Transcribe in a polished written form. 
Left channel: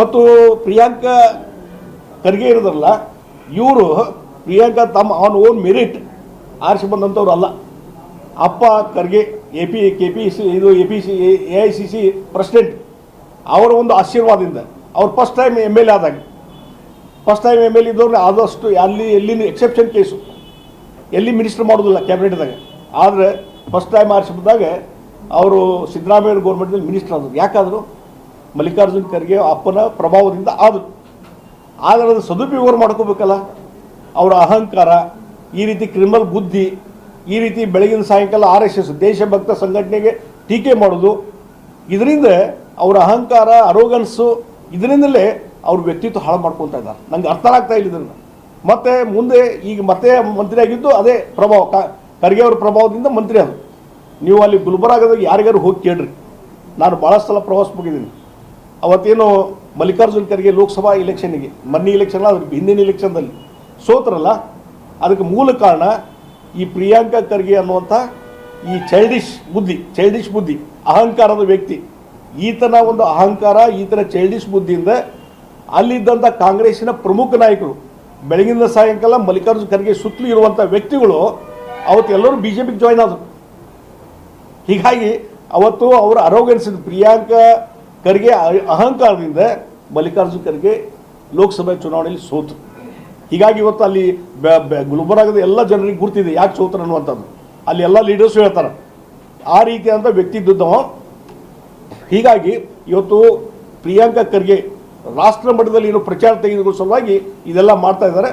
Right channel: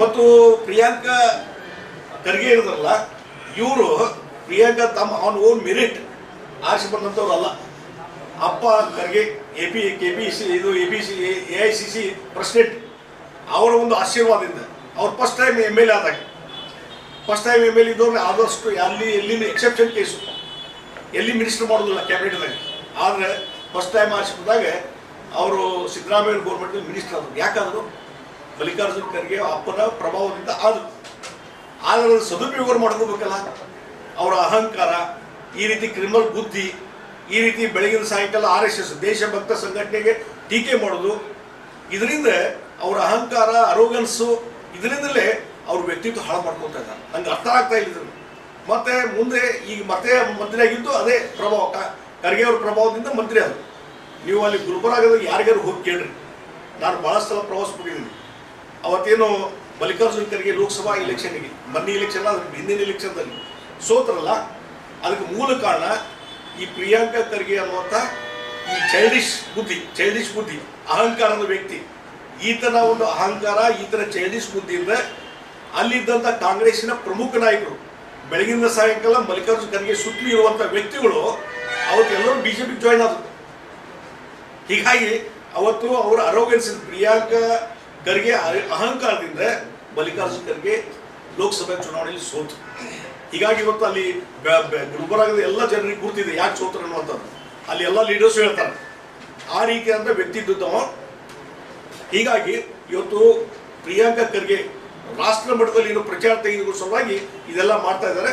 ಮತ್ತು ಪ್ರಿಯಾಂಕಾ ಖರ್ಗೆ ಇರೋದಲ್ಲ, ಇವರು ಪ್ರಿಯಾಂಕಾ ತಮ್ಮ ಆನ್ ಓನ್ ಮೆರಿಟ್ ಆರಿಸಿ ಬಂದಂಥವ್ರು ಅಲ್ಲ. ಅಪ್ಪ ಖರ್ಗೆ AICC ಪ್ರೆಸಿಡೆಂಟ್, ಅವರ ಒಂದು ಆಶೀರ್ವಾದದಿಂದ ಅವ್ರು ಫಸ್ಟ್ ಟೈಮ್ MLA ಆದಾಗ, ಫಸ್ಟ್ ಟೈಮ್ MLA ಇದ್ದವ್ರು ಆದಷ್ಟು ಎಲ್ಲಿನ ಎಕ್ಸೆಪ್ಷನ್ ಕೇಸು, ಎಲ್ಲಿ ಮಿನಿಸ್ಟರ್ ಮಾಡೋದಿಲ್ಲ ಕ್ಯಾಬಿನೆಟ್ದಾಗ. ಆದರೆ ಫಸ್ಟ್ ಟೈಮ್ ಆರಿಸಿ ಬಂದಾಗ ಅವರು ಸಿದ್ದರಾಮಯ್ಯ ಗೌರ್ಮೆಂಟ್ನಲ್ಲಿ ಮಿನಿಸ್ಟರ್ ಆದರು. ಯಾಕಾದರೂ ಮಲ್ಲಿಕಾರ್ಜುನ್ ಖರ್ಗೆ ಅಪ್ಪನ ಪ್ರಭಾವದಿಂದ ಆದರು. ಆದರೆ ಅದು ಸದುಪಯೋಗ ಮಾಡ್ಕೋಬೇಕಲ್ಲ. ಅವರ ಅಹಂಕಾರ, ಈ ರೀತಿ ಕ್ರಿಮಿನಲ್ ಬುದ್ಧಿ, ಈ ರೀತಿ ಬೆಳಗಿನ ಸಾಯಂಕಾಲ RSS ದೇಶಭಕ್ತ ಸಂಘಟನೆಗೆ ಟೀಕೆ ಮಾಡೋದು, ಇದರಿಂದ ಅವರ ಅಹಂಕಾರ, ಅರೋಗನ್ಸು, ಇದರಿಂದಲೇ ಅವ್ರ ವ್ಯಕ್ತಿತ್ವ ಹಾಳು ಮಾಡ್ಕೊಳ್ತಾ ಇದ್ದಾರೆ. ನಂಗೆ ಅರ್ಥ ಆಗ್ತಾ ಇಲ್ಲ ಇದನ್ನು. ಮತ್ತು ಮುಂದೆ ಈಗ ಮತ್ತೆ ಮಂತ್ರಿ ಆಗಿದ್ದು ಅದೇ ಪ್ರಭಾವ, ಖರ್ಗೆ ಅವ್ರ ಪ್ರಭಾವದಿಂದ ಮಂತ್ರಿ ಅದು. ನೀವು ಅಲ್ಲಿ ಗುಲ್ಬರ್ಗಾದಾಗ ಯಾರಿಗಾರು ಹೋಗಿ ಕೇಳ್ರಿ. ನಾನು ಭಾಳ ಸಲ ಪ್ರವಾಸ ಹೋಗಿದ್ದೀನಿ. ಅವತ್ತೇನು ಮಲ್ಲಿಕಾರ್ಜುನ್ ಖರ್ಗೆ ಲೋಕಸಭಾ ಇಲೆಕ್ಷನ್ನಿಗೆ, ಮೊನ್ನೆ ಇಲೆಕ್ಷನ್ ಅದ್ರ ಹಿಂದಿನ ಇಲೆಕ್ಷನ್ದಲ್ಲಿ ಸೋತ್ರಲ್ಲ, ಅದಕ್ಕೆ ಮೂಲ ಕಾರಣ ಈ ಪ್ರಿಯಾಂಕಾ ಖರ್ಗೆ ಅನ್ನುವಂಥ ಈ ಚೈಲ್ಡಿಶ್ ಬುದ್ಧಿ, ಅಹಂಕಾರದ ವ್ಯಕ್ತಿ. ಈತನ ಒಂದು ಅಹಂಕಾರ, ಈತನ ಚೈಲ್ಡಿಶ್ ಬುದ್ಧಿಯಿಂದ ಅಲ್ಲಿದ್ದಂಥ ಕಾಂಗ್ರೆಸ್ಸಿನ ಪ್ರಮುಖ ನಾಯಕರು, ಬೆಳಗಿನ ಸಾಯಂಕಾಲ ಮಲ್ಲಿಕಾರ್ಜುನ್ ಖರ್ಗೆ ಸುತ್ತಲೂ ಇರುವಂಥ ವ್ಯಕ್ತಿಗಳು ಅವತ್ತೆಲ್ಲರೂ BJPಗೆ ಜಾಯ್ನ್ ಆದರು. ಹೀಗಾಗಿ ಅವತ್ತು ಅವರ ಅರೋಗನ್ಸಿದ ಪ್ರಿಯಾಂಕಾ ಖರ್ಗೆ ಅಹಂಕಾರದಿಂದ ಮಲ್ಲಿಕಾರ್ಜುನ್ ಖರ್ಗೆ ಲೋಕಸಭೆ ಚುನಾವಣೆಯಲ್ಲಿ ಸೋತು. ಹೀಗಾಗಿ ಇವತ್ತು ಅಲ್ಲಿ ಗುಲ್ಬರ್ಗದ ಎಲ್ಲ ಜನರಿಗೆ ಗುರ್ತಿದೆ ಯಾಕೆ ಸೋತರು ಅನ್ನುವಂಥದ್ದು. ಅಲ್ಲಿ ಎಲ್ಲ ಲೀಡರ್ಸು ಹೇಳ್ತಾರೆ ಆ ರೀತಿಯಾದ ವ್ಯಕ್ತಿ ಇದ್ದವ. ಹೀಗಾಗಿ ಇವತ್ತು ಪ್ರಿಯಾಂಕಾ ಖರ್ಗೆ ರಾಷ್ಟ್ರ ಮಟ್ಟದಲ್ಲಿ ಏನು ಪ್ರಚಾರ ತೆಗೆದುಕೊಳ್ಳೋ ಸಲುವಾಗಿ ಇದೆಲ್ಲ ಮಾಡ್ತಾ ಇದ್ದಾರೆ.